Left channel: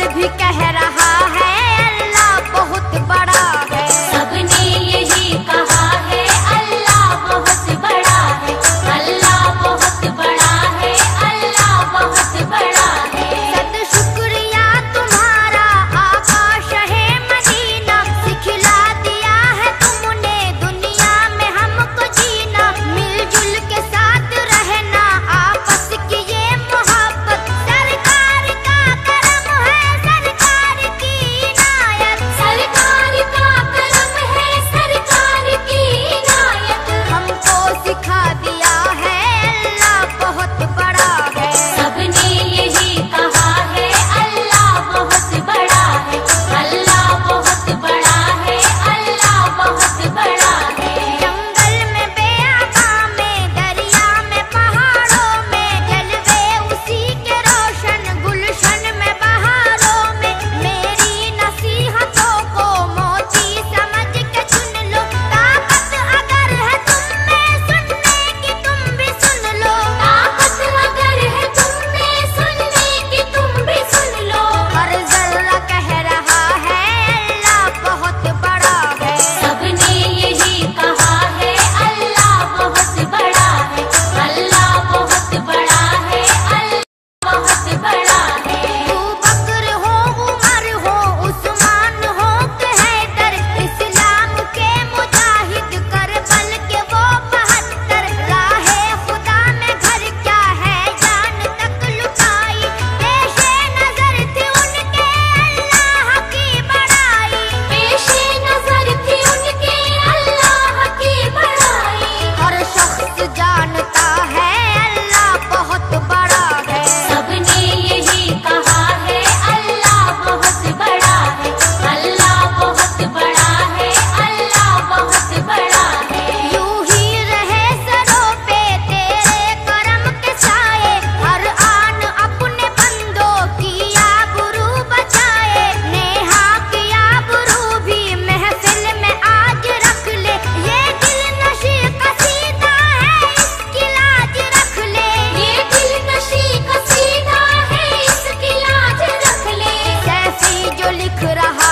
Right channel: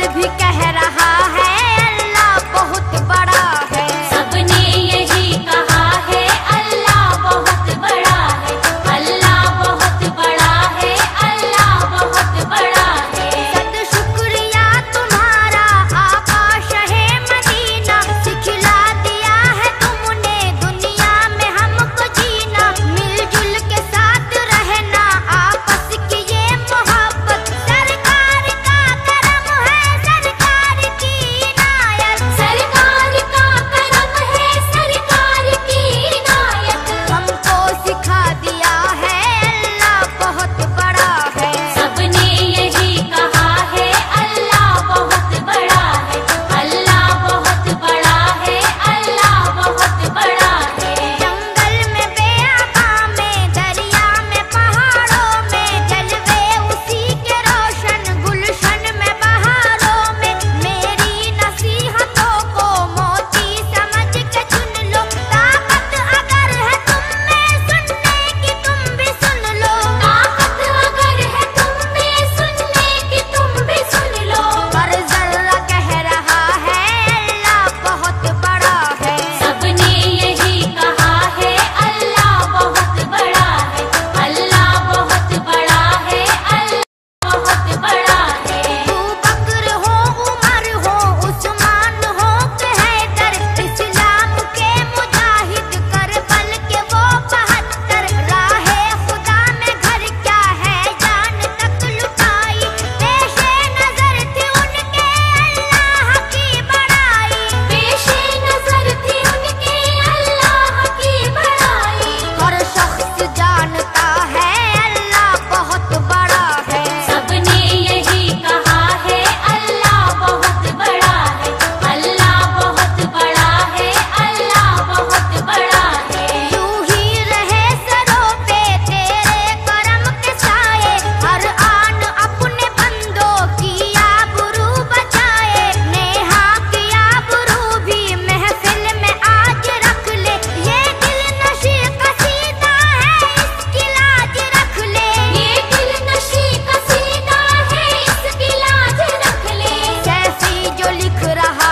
शंकर भी कह रहा है अल्लाह बहुत बड़ा है। सबने यही कहा है अल्लाह बहुत बड़ा है, अल्लाह बहुत बड़ा है, अल्लाह बहुत बड़ा है। सद शुक्रिया तुम्हारा आका शहे मदीना, सिखला दिया है तुमने दुनिया में हमको जीना। मिलजुल के साथ रहना आपस की ये मोहब्बत, सरकार का करम है सरकार की इनायत। सरकार का करम है सरकार की इनायत। हमको सिखा दिया है अल्लाह बहुत बड़ा है। सबने यही कहा है अल्लाह बहुत बड़ा है, अल्लाह बहुत बड़ा है, अल्लाह बहुत बड़ा है। जंगल में बेआबा में दरिया में पहाड़ों में जलवे उसी के रोशन गुलशन में बहारों में। मेरी नसीहतों को मोती समझ के चुन लो, ताकत अगर है तुम में सुनने की तुम भी सुन लो। ताकत अगर है तुम में सुनने की तुम भी सुन लो। हर जर्रा कह रहा है अल्लाह बहुत बड़ा है। सबने यही कहा है अल्लाह बहुत बड़ा है, अल्लाह बहुत बड़ा है, अल्लाह बहुत बड़ा है। अबू बकर हो उमर हो उस्मान हो के हैदर, इस्लाम के मुजाहिद करबल के वो 72। राहे खुदा में घर क्या है जान तक लुटाई, पेशे नजर थी उनके अल्लाह की बड़ाई। पेशे नजर थी उनके अल्लाह की बड़ाई। हर शख्स जानता है अल्लाह बहुत बड़ा है। सबने यही कहा है अल्लाह बहुत बड़ा है, अल्लाह बहुत बड़ा है, अल्लाह बहुत बड़ा है। यूं ही रहे सरों पे तेरे करम के साए, हर आन अपने बंदों की आबरू बचाए। नेहा की आबरू भी महफिल में आज रख ले, ये दिल नशी कसीदा है इसकी लाज रख ले। ये दिल नशी कसीदा है इसकी लाज रख ले। सैफी जो लिख रहा